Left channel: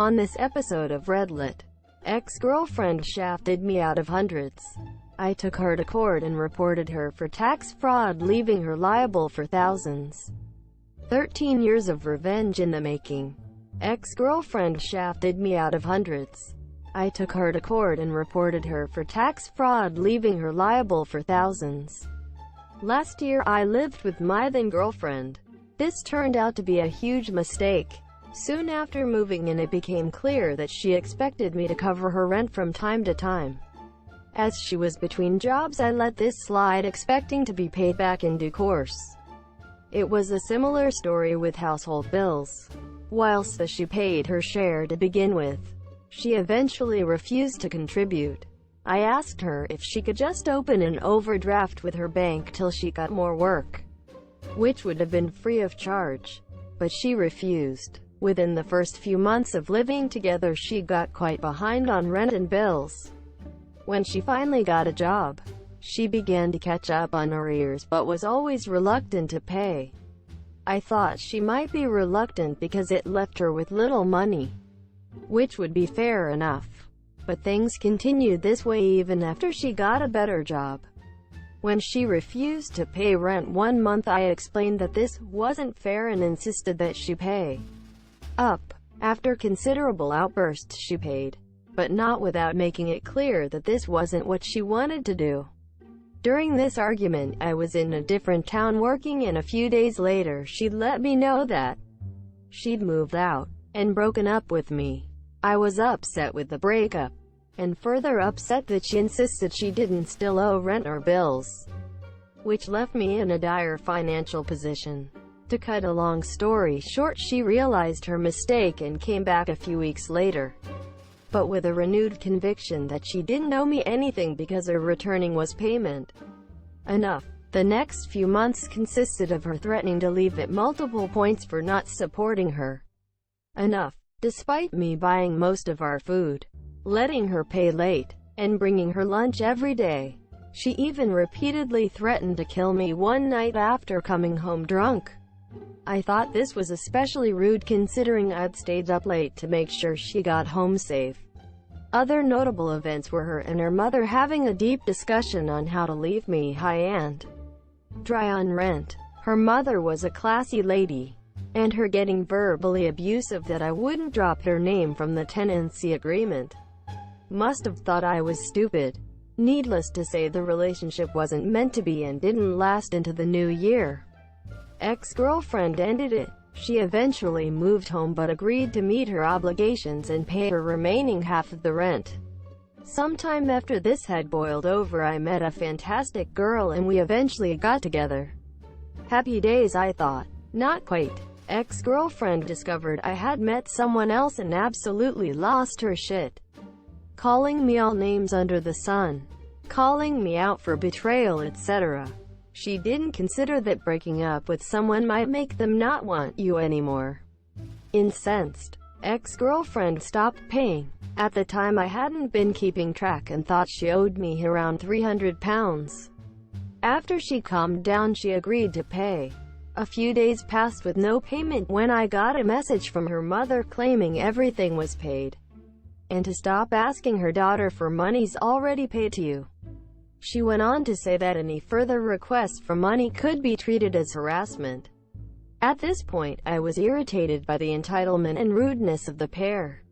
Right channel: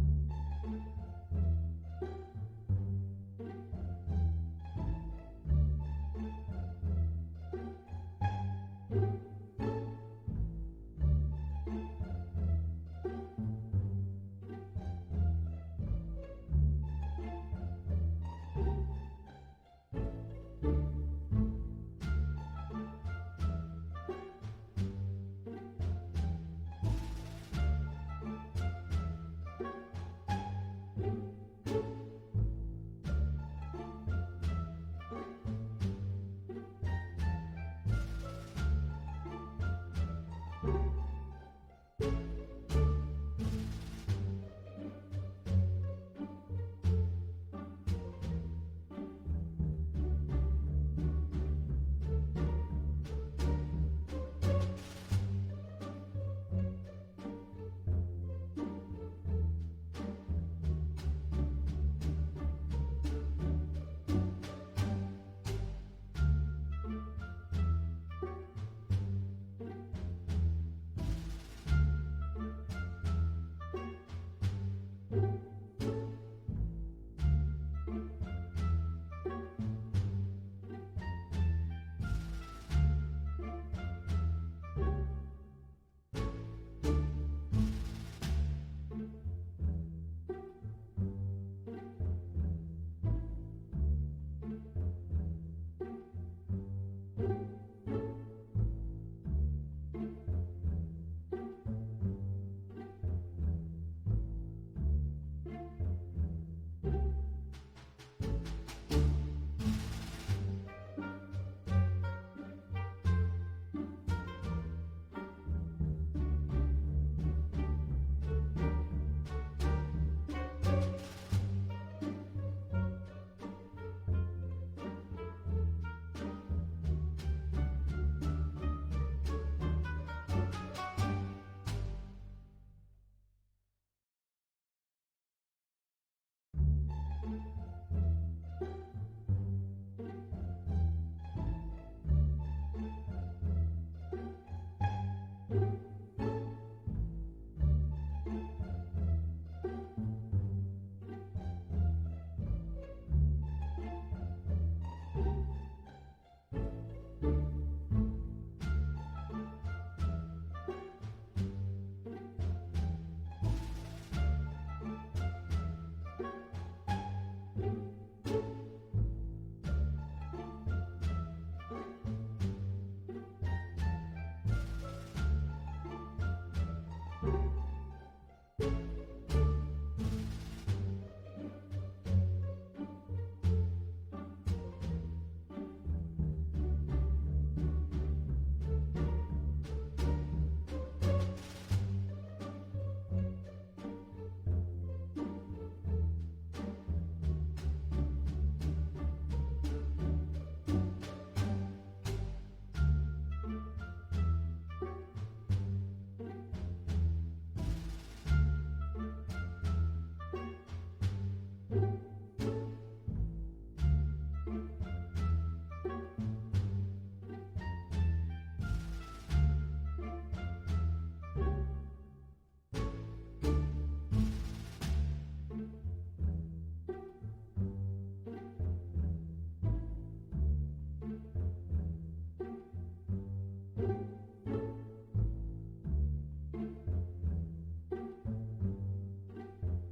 On this episode of Redlit, ex-girlfriend shafted me out of hundreds. I took her to court and reported her for tax fraud, leaving her liable for thousands. 13 years of revenge in the making. Ex-girlfriend shafted me out of hundreds. I took her to court and reported her for tax fraud, leaving her liable for thousands. Last year I lived with my then-girlfriend. This turned out to be a huge mistake. Soon after moving in, it became clear that she expected me to cover her rent from time to time. As she was between jobs, I let this slide, expecting to be paid back in due course. It was a similar story with household bills. Whilst she paid her share to begin with, she eventually refused to contribute. I asked her if she could just open an overdraft with her bank till she got more work, which would have been free of charge. But she refused. Within the first few months of living together, she got quite behind on rent and bills. When she finally got a job, she began to catch up on arrears but was always reluctant to pay. I thought she might be reluctant because it left her with little money, which would be fair enough. But things continued this way even after she got a better job. When she refused to pay rent one month, I explained that this wasn't fair and insisted that she pay up. After considerable outbursts, she paid, but not without making it clear that this wasn't what she wanted to do. During this argument, I was in a different town working, and a few days later she'd let me know that she'd moved out and broken up with me. I was upset with the breakup, and further upset that she insisted she didn't still owe rent or bills, which left me in a dire financial position. To cut a long story short, she realized her mistake and came back a few weeks later, but with a renewed conviction that she didn't owe me anything because her returning was payment enough. The next few months consisted of her threatening to leave at multiple points for not supporting her enough, despite me buying most of our food, letting her pay late, and bringing her lunch every day. She even repeatedly threatened to kill me one night after coming home drunk. I thought this was especially rude considering I'd stayed up late to make sure she got home safe. Other notable events were her and her mother having a deep discussion on how to leave me high and dry on rent. Her mother was a classy lady, and her getting verbally abusive that I wouldn't drop her name from the tenancy agreement. Must have thought I was stupid. Needless to say, the relationship wasn't meant to be and didn't last into the new year. Ex-girlfriend ended it. She eventually moved home but agreed to meet her obligations and pay her remaining half of the rent. Sometime after this had boiled over, I met a fantastic girl and we eventually got together. Happy days, I thought. Not quite. Ex-girlfriend discovered I had met someone else and absolutely lost her shit, calling me all names under the sun, calling me out for betrayal, etc. She didn't consider that breaking up with someone might make them not want you anymore. Incensed, ex-girlfriend stopped paying. At the time I hadn't been keeping track and thought she owed me around £300. After she calmed down, she agreed to pay. A few days passed with no payment when I got a message from her mother claiming everything was paid, and to stop asking her daughter for monies already paid to you. She went on to say that any further requests for money could be treated as harassment. At this point, I was irritated by the entitlement and rudeness of the pair,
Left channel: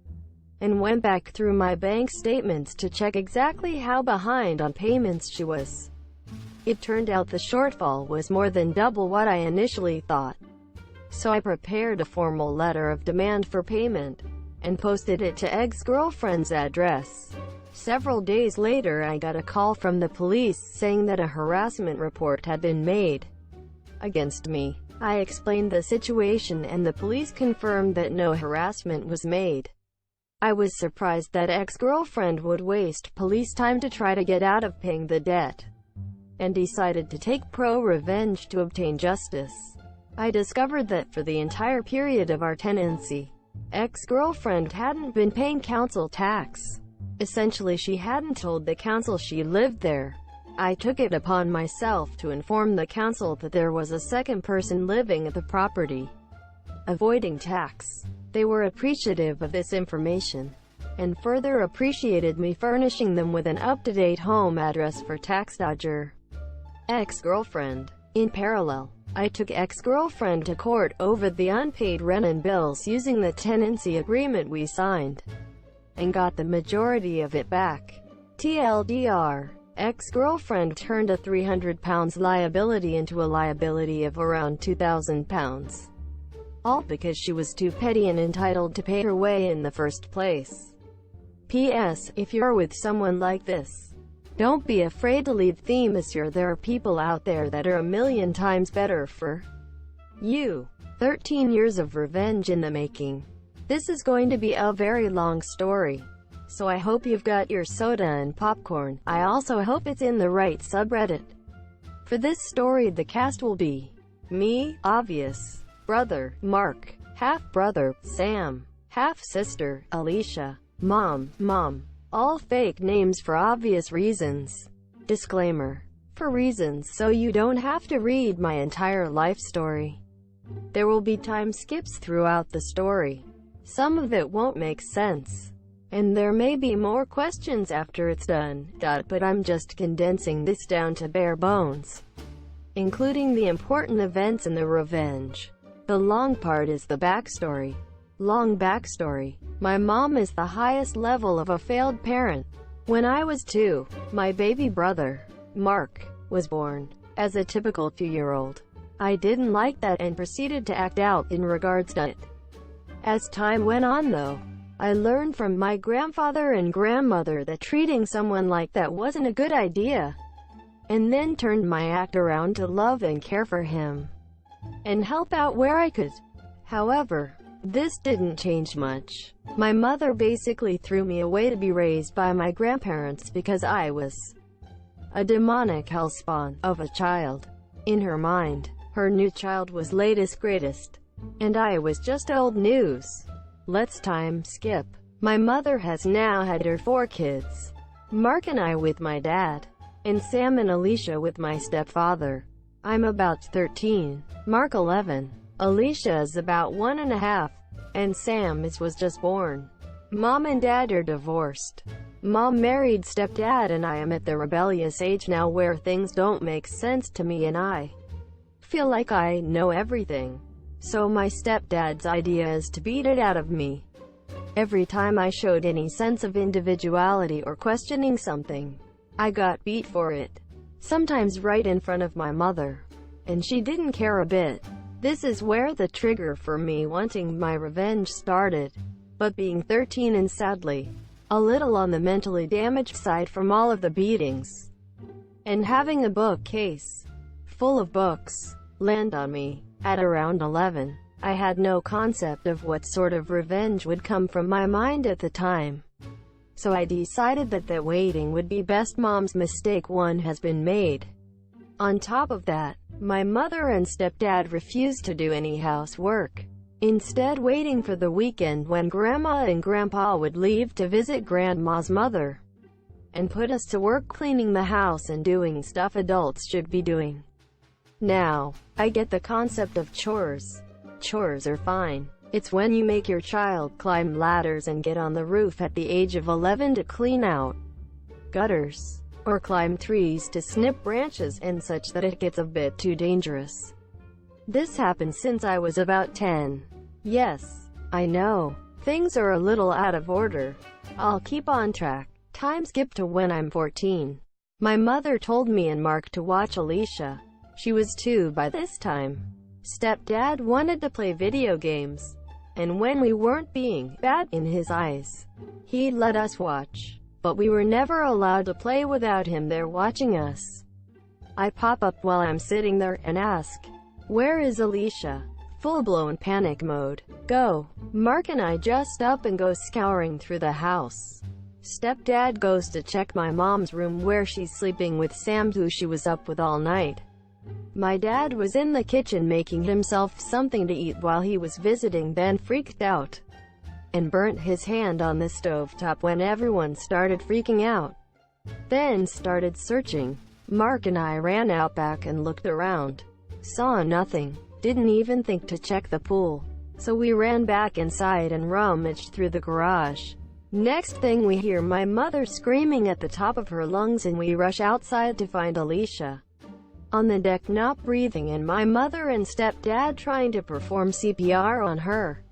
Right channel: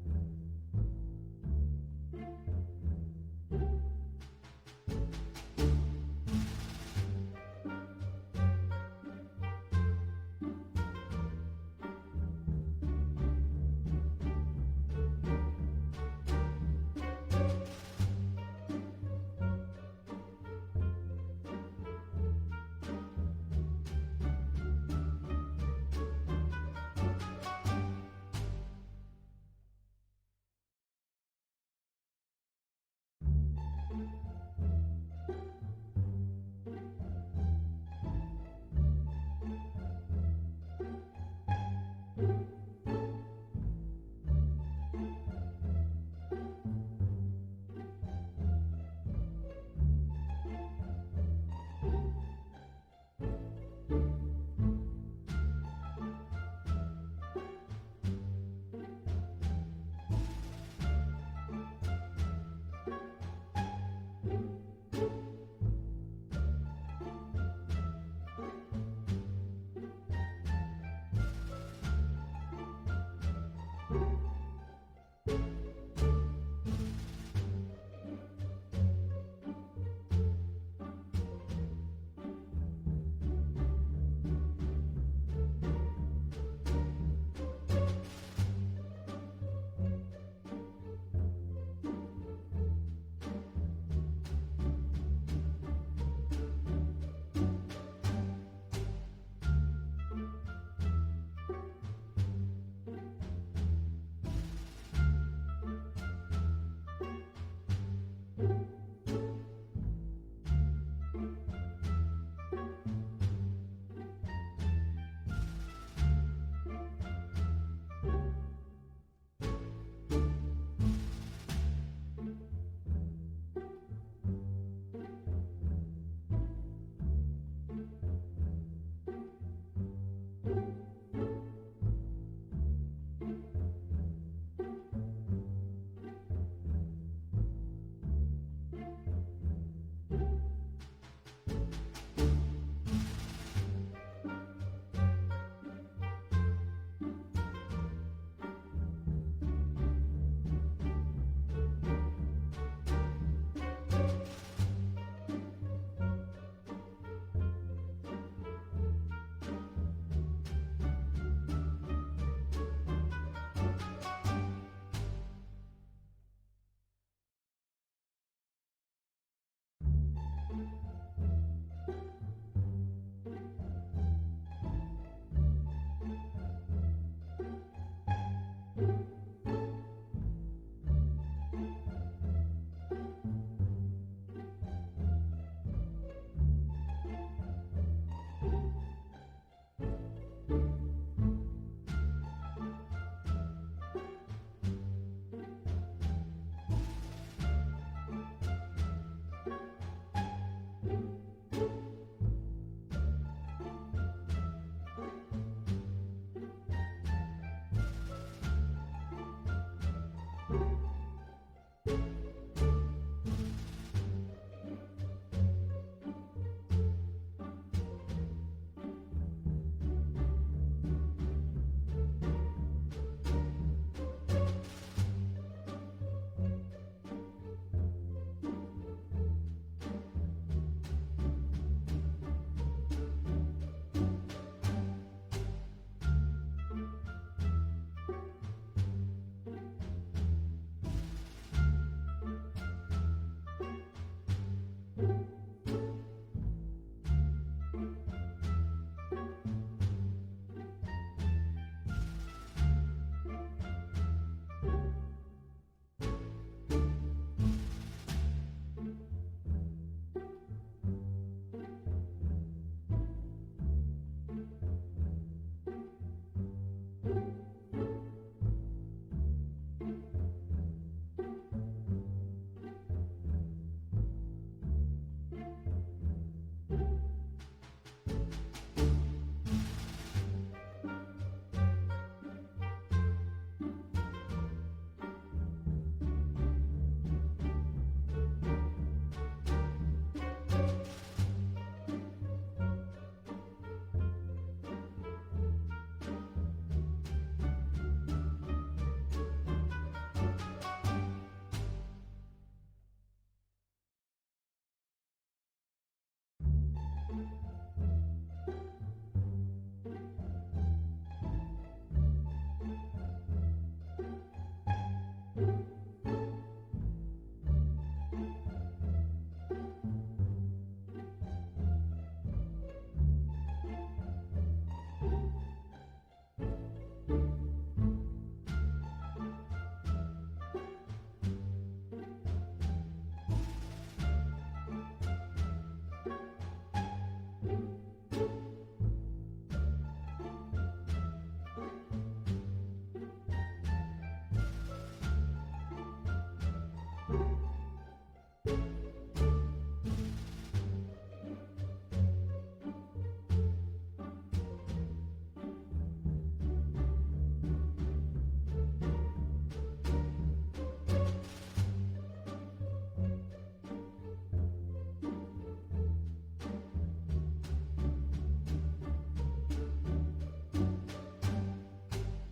and went back through my bank statements to check exactly how behind on payments she was. It turned out the shortfall was more than double what I initially thought. So I prepared a formal letter of demand for payment and posted it to ex-girlfriend's address. Several days later, I got a call from the police saying that a harassment report had been made against me. I explained the situation and the police confirmed that no harassment was made. I was surprised that ex-girlfriend would waste police time to try to get out of paying the debt, and decided to take ProRevenge to obtain justice. I discovered that for the entire period of our tenancy, ex-girlfriend hadn't been paying council tax. Essentially, she hadn't told the council she lived there. I took it upon myself to inform the council that there was a second person living at the property. avoiding tax. They were appreciative of this information, and further appreciated me furnishing them with an up-to-date home address for tax dodger ex-girlfriend. In parallel, I took ex-girlfriend to court over the unpaid rent and bills using the tenancy agreement we signed, and got the majority of it back. TLDR, ex-girlfriend turned a £300 liability into a liability of around £2,000. All because she was too petty and entitled to pay her way in the first place. P.S. If you're with someone like this, don't be afraid to leave them, as there are people out there that are a million times better for you. 13 years of revenge in the making. This is going to be a very long story, so I hope you've got your soda and popcorn. I also hope it's in the right subreddit. For this story, the cast will be me, obvious, brother, Mark, half-brother, Sam, half-sister, Alicia, mom, all fake names for obvious reasons. Disclaimer: for reasons so you don't have to read my entire life story. There will be time skips throughout the story. Some of it won't make sense, and there may be more questions after it's done, but I'm just condensing this down to bare bones, including the important events in the revenge. The long part is the backstory. Long backstory. My mom is the highest level of a failed parent. When I was 2, my baby brother, Mark, was born. As a typical 2-year-old, I didn't like that and proceeded to act out in regards to it. As time went on though, I learned from my grandfather and grandmother that treating someone like that wasn't a good idea, and then turned my act around to love and care for him, and help out where I could. However, this didn't change much. My mother basically threw me away to be raised by my grandparents because I was a demonic hellspawn of a child. In her mind, her new child was latest greatest, and I was just old news. Let's time skip. My mother has now had her 4 kids. Mark and I with my dad, and Sam and Alicia with my stepfather. I'm about 13, Mark 11, Alicia is about 1.5, and Sam was just born. Mom and Dad are divorced. Mom married stepdad, and I am at the rebellious age now where things don't make sense to me and I feel like I know everything. So my stepdad's idea is to beat it out of me. Every time I showed any sense of individuality or questioning something, I got beat for it. Sometimes right in front of my mother, and she didn't care a bit. This is where the trigger for me wanting my revenge started. But being 13 and sadly a little on the mentally damaged side from all of the beatings, and having a bookcase full of books land on me at around 11, I had no concept of what sort of revenge would come from my mind at the time. So I decided that waiting would be best. Mom's mistake one has been made. On top of that, my mother and stepdad refused to do any housework, instead waiting for the weekend when Grandma and Grandpa would leave to visit Grandma's mother, and put us to work cleaning the house and doing stuff adults should be doing. Now, I get the concept of chores. Chores are fine. It's when you make your child climb ladders and get on the roof at the age of 11 to clean out gutters, or climb trees to snip branches and such that it gets a bit too dangerous. This happened since I was about 10. Yes, I know, things are a little out of order. I'll keep on track. Time skip to when I'm 14. My mother told me and Mark to watch Alicia. She was 2 by this time. Stepdad wanted to play video games, and when we weren't being bad in his eyes, he let us watch. But we were never allowed to play without him there watching us. I pop up while I'm sitting there and ask, "Where is Alicia?" Full-blown panic mode. Go. Mark and I just up and go scouring through the house. Stepdad goes to check my mom's room where she's sleeping with Sam, who she was up with all night. My dad was in the kitchen making himself something to eat while he was visiting, then freaked out and burnt his hand on the stovetop when everyone started freaking out. Then started searching. Mark and I ran out back and looked around. Saw nothing. Didn't even think to check the pool. So we ran back inside and rummaged through the garage. Next thing we hear my mother screaming at the top of her lungs, and we rush outside to find Alicia on the deck not breathing, and my mother and stepdad trying to perform CPR on her.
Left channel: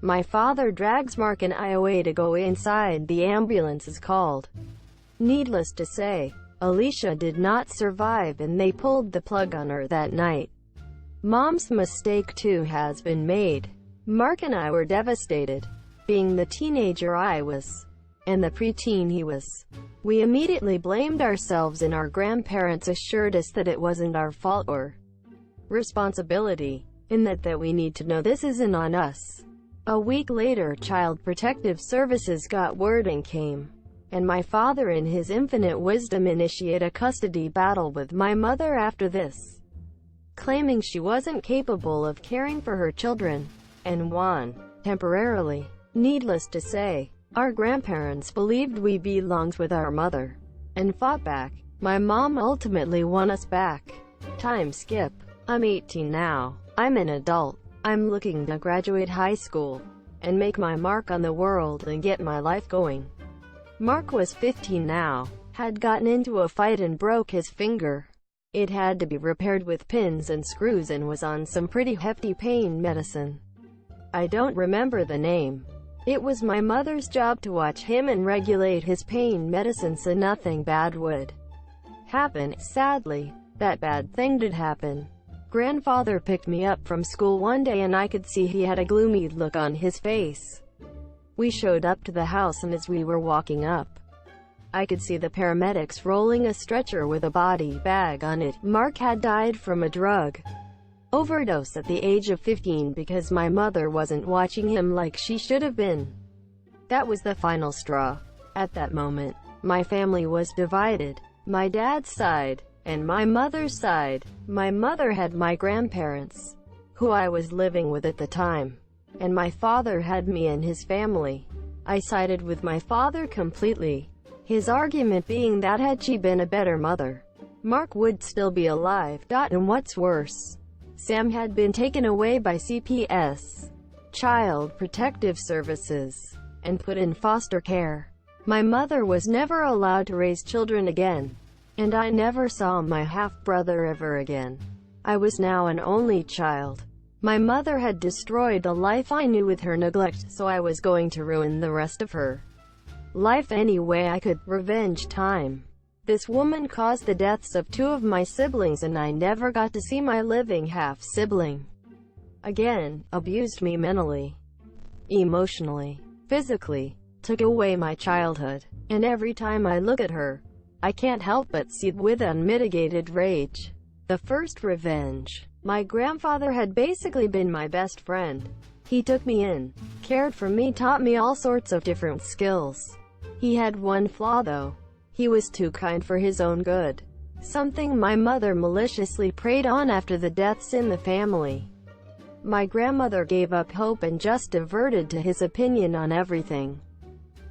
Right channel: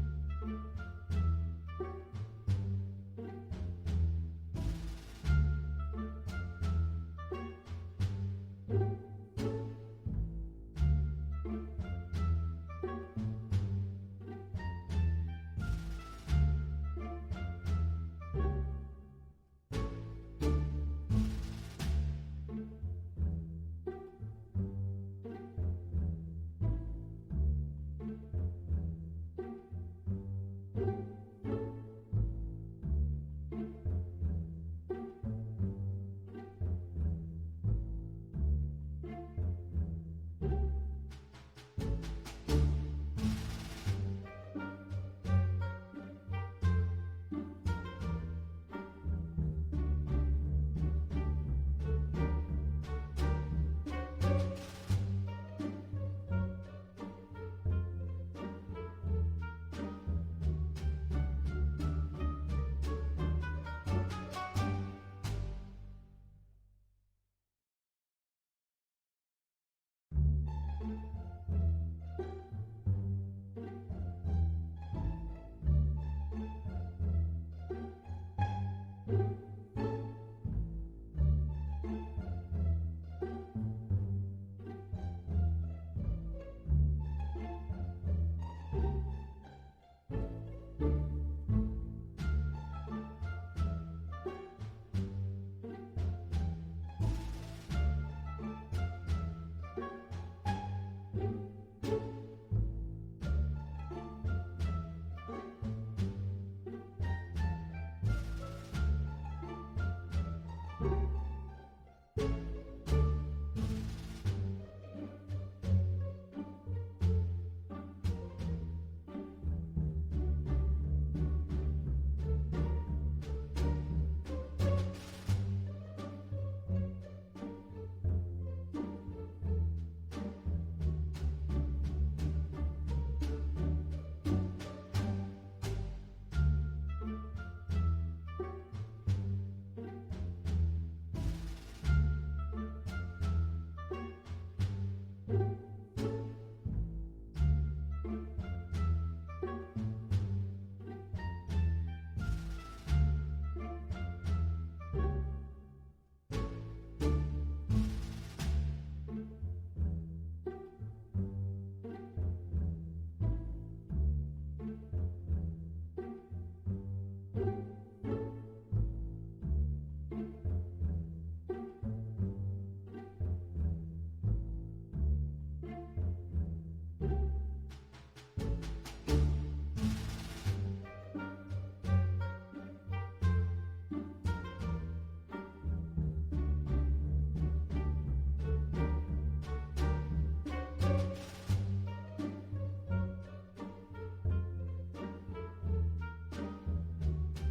My father drags Mark and I away to go inside. The ambulance is called. Needless to say, Alicia did not survive, and they pulled the plug on her that night. Mom's mistake too has been made. Mark and I were devastated, being the teenager I was, and the preteen he was. We immediately blamed ourselves, and our grandparents assured us that it wasn't our fault or responsibility, and that we need to know this isn't on us. A week later, Child Protective Services got word and came, and my father in his infinite wisdom initiated a custody battle with my mother after this, claiming she wasn't capable of caring for her children, and won, temporarily. Needless to say, our grandparents believed we belonged with our mother, and fought back. My mom ultimately won us back. Time skip. I'm 18 now. I'm an adult. I'm looking to graduate high school, and make my mark on the world and get my life going. Mark was 15 now, had gotten into a fight and broke his finger. It had to be repaired with pins and screws, and was on some pretty hefty pain medicine. I don't remember the name. It was my mother's job to watch him and regulate his pain medicine so nothing bad would happen. Sadly, that bad thing did happen. Grandfather picked me up from school one day, and I could see he had a gloomy look on his face. We showed up to the house, and as we were walking up, I could see the paramedics rolling a stretcher with a body bag on it. Mark had died from a drug overdose at the age of 15 because my mother wasn't watching him like she should have been. That was the final straw. At that moment, my family was divided. My dad's side, and my mother's side. My mother had my grandparents, who I was living with at the time, and my father had me and his family. I sided with my father completely, his argument being that had she been a better mother, Mark would still be alive. And what's worse, Sam had been taken away by CPS, Child Protective Services, and put in foster care. My mother was never allowed to raise children again, and I never saw my half-brother ever again. I was now an only child. My mother had destroyed the life I knew with her neglect, so I was going to ruin the rest of her life any way I could. Revenge time. This woman caused the deaths of 2 of my siblings, and I never got to see my living half-sibling again. Abused me mentally, emotionally, physically, took away my childhood, and every time I look at her, I can't help but seethe with unmitigated rage. The first revenge. My grandfather had basically been my best friend. He took me in, cared for me, taught me all sorts of different skills. He had one flaw though. He was too kind for his own good, something my mother maliciously preyed on after the deaths in the family. My grandmother gave up hope and just diverted to his opinion on everything.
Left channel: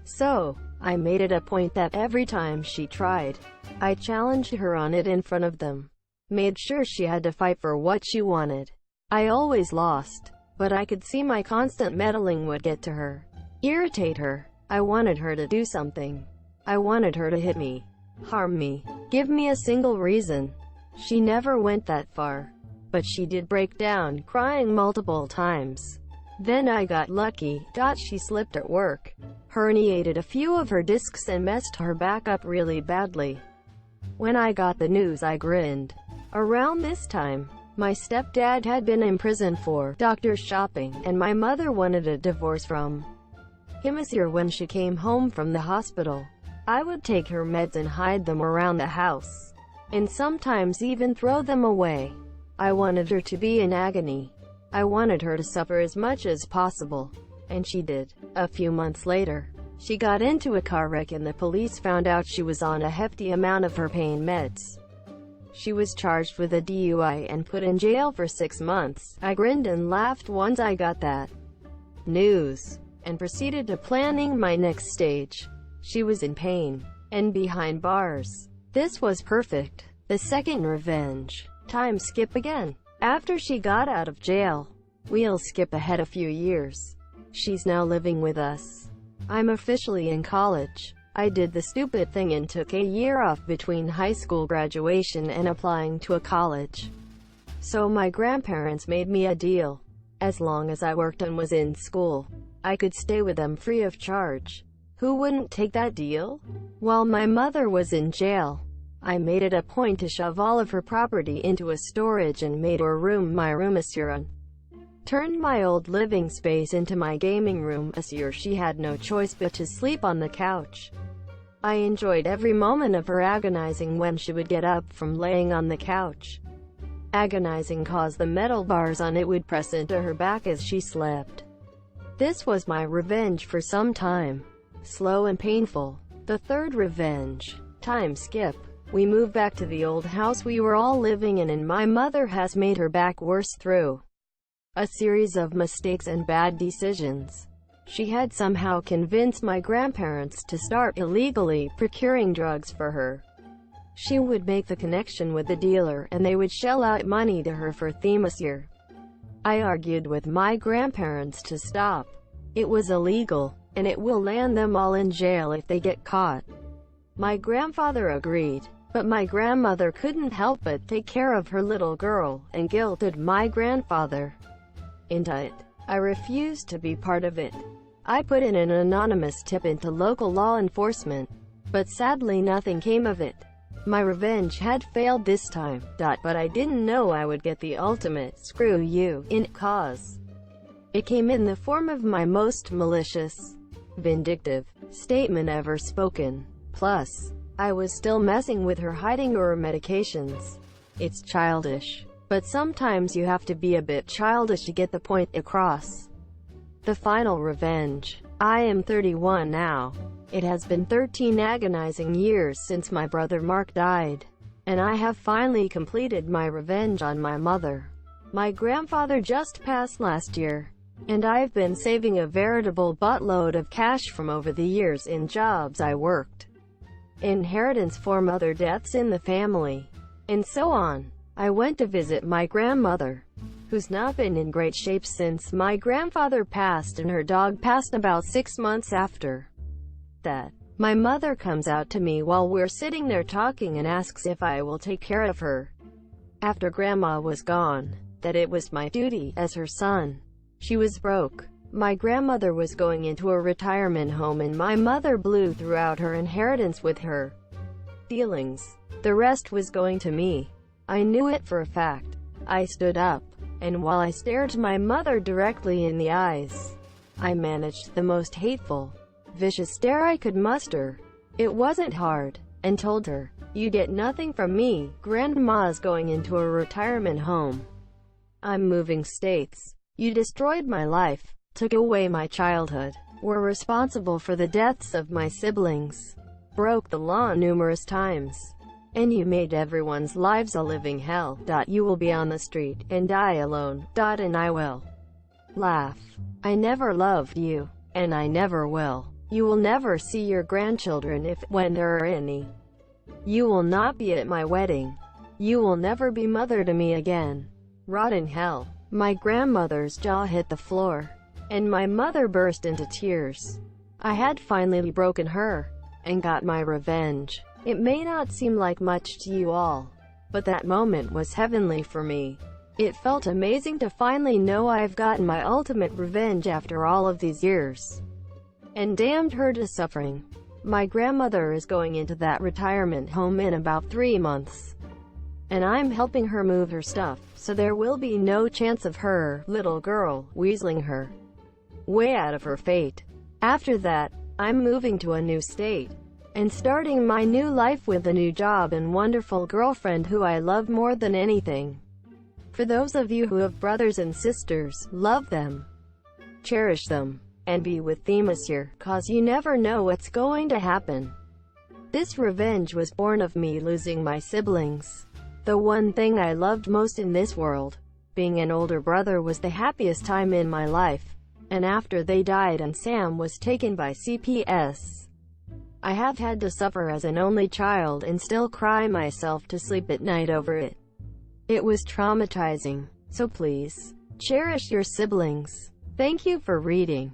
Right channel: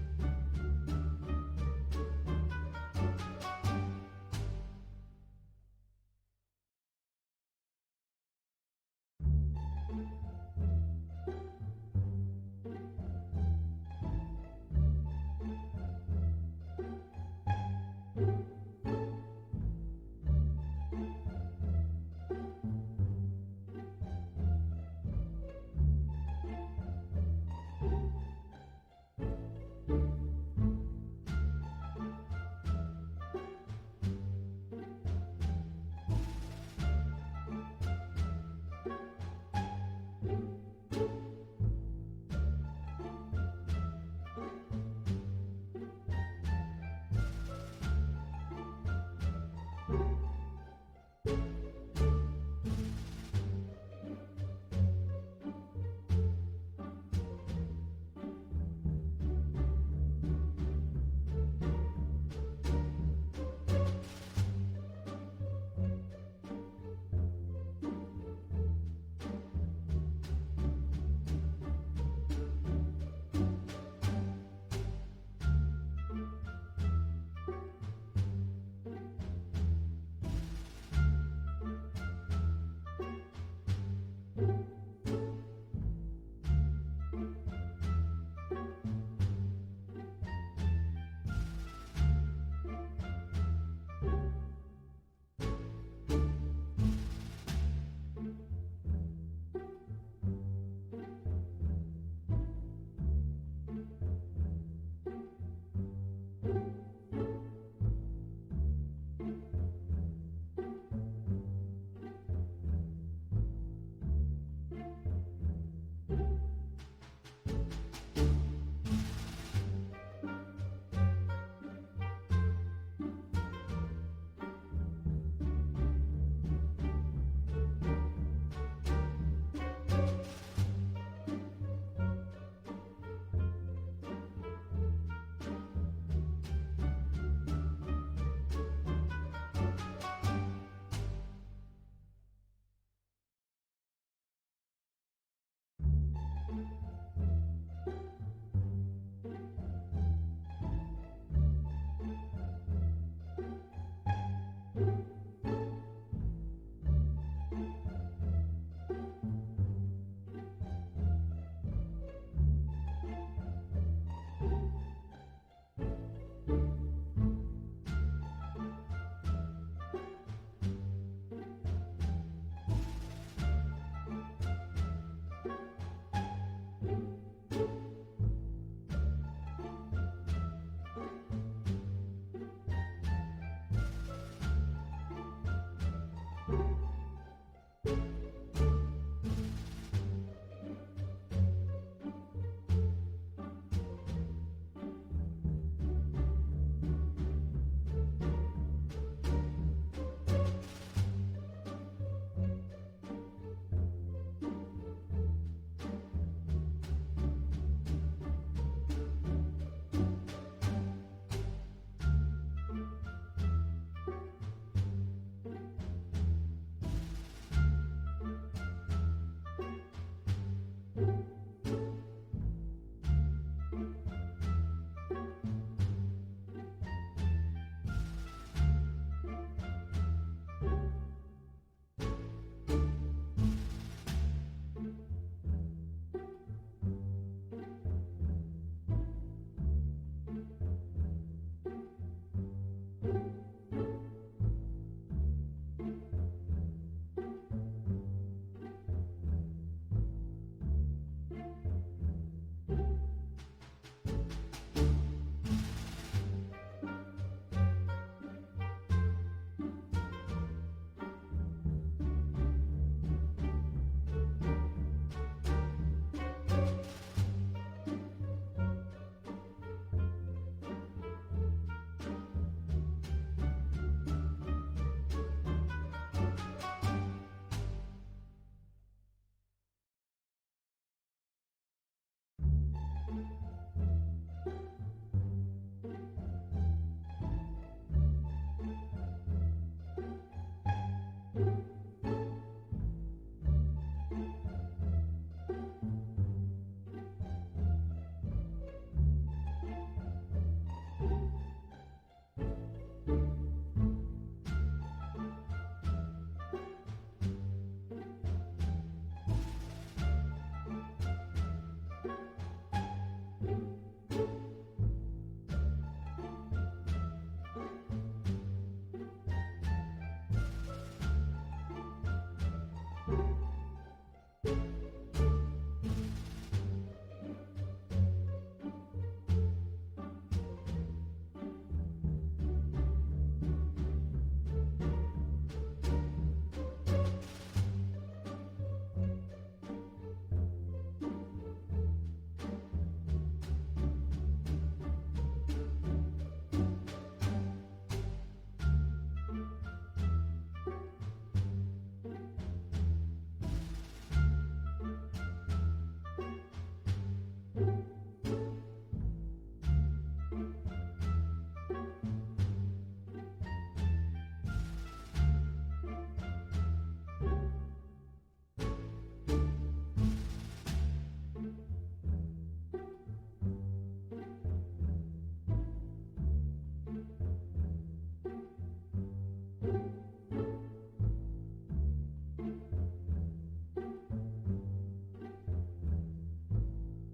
So, I made it a point that every time she tried, I challenged her on it in front of them. Made sure she had to fight for what she wanted. I always lost, but I could see my constant meddling would get to her, irritate her. I wanted her to do something. I wanted her to hit me, harm me, give me a single reason. She never went that far, but she did break down, crying multiple times. Then I got lucky. She slipped at work, herniated a few of her discs, and messed her back up really badly. When I got the news, I grinned. Around this time, my stepdad had been imprisoned for doctor shopping, and my mother wanted a divorce from him. This year, when she came home from the hospital, I would take her meds and hide them around the house, and sometimes even throw them away. I wanted her to be in agony. I wanted her to suffer as much as possible, and she did. A few months later, she got into a car wreck, and the police found out she was on a hefty amount of her pain meds. She was charged with a DUI and put in jail for 6 months. I grinned and laughed once I got that news, and proceeded to planning my next stage. She was in pain, and behind bars. This was perfect. The second revenge. Time skip again. After she got out of jail, We'll skip ahead a few years. She's now living with us. I'm officially in college. I did the stupid thing and took a year off between high school graduation and applying to a college. So my grandparents made me a deal. As long as I worked and was in school, I could stay with them free of charge. Who wouldn't take that deal? While my mother was in jail, I made it a point to shove all of her property into a storage and made her room my room. Turned my old living space into my gaming room. She had no choice but to sleep on the couch. I enjoyed every moment of her agonizing when she would get up from laying on the couch. Agonizing cause the metal bars on it would press into her back as she slept. This was my revenge for some time. Slow and painful. The third revenge. Time skip. We moved back to the old house we were all living in, and my mother has made her back worse through a series of mistakes and bad decisions. She had somehow convinced my grandparents to start illegally procuring drugs for her. She would make the connection with the dealer, and they would shell out money to her for Themyscira. I argued with my grandparents to stop. It was illegal, and it will land them all in jail if they get caught. My grandfather agreed, but my grandmother couldn't help but take care of her little girl, and guilted my grandfather into it. I refused to be part of it. I put in an anonymous tip into local law enforcement, but sadly nothing came of it. My revenge had failed this time, but I didn't know I would get the ultimate "screw you" in cause. It came in the form of my most malicious, vindictive statement ever spoken. Plus, I was still messing with her, hiding her medications. It's childish, but sometimes you have to be a bit childish to get the point across. The final revenge. I am 31 now. It has been 13 agonizing years since my brother Mark died, and I have finally completed my revenge on my mother. My grandfather just passed last year, and I've been saving a veritable buttload of cash from over the years in jobs I worked, inheritance from other deaths in the family, and so on. I went to visit my grandmother, who's not been in great shape since my grandfather passed, and her dog passed about 6 months after that. My mother comes out to me while we're sitting there talking and asks if I will take care of her after Grandma was gone, that it was my duty as her son. She was broke. My grandmother was going into a retirement home, and my mother blew throughout her inheritance with her dealings. The rest was going to me. I knew it for a fact. I stood up, and while I stared my mother directly in the eyes, I managed the most hateful, vicious stare I could muster. It wasn't hard, and told her, "You get nothing from me. Grandma's going into a retirement home. I'm moving states. You destroyed my life, took away my childhood, were responsible for the deaths of my siblings, broke the law numerous times, and you made everyone's lives a living hell. You will be on the street, and die alone. And I will laugh. I never loved you, and I never will. You will never see your grandchildren when there are any. You will not be at my wedding. You will never be mother to me again. Rot in hell." My grandmother's jaw hit the floor, and my mother burst into tears. I had finally broken her, and got my revenge. It may not seem like much to you all, but that moment was heavenly for me. It felt amazing to finally know I've gotten my ultimate revenge after all of these years, and damned her to suffering. My grandmother is going into that retirement home in about 3 months, and I'm helping her move her stuff, so there will be no chance of her, little girl, weaseling her way out of her fate. After that, I'm moving to a new state, and starting my new life with a new job and wonderful girlfriend who I love more than anything. For those of you who have brothers and sisters, love them, cherish them, and be with Themyscira, cause you never know what's going to happen. This revenge was born of me losing my siblings. The one thing I loved most in this world, being an older brother, was the happiest time in my life, and after they died and Sam was taken by CPS, I have had to suffer as an only child and still cry myself to sleep at night over it. It was traumatizing. So please, cherish your siblings. Thank you for reading.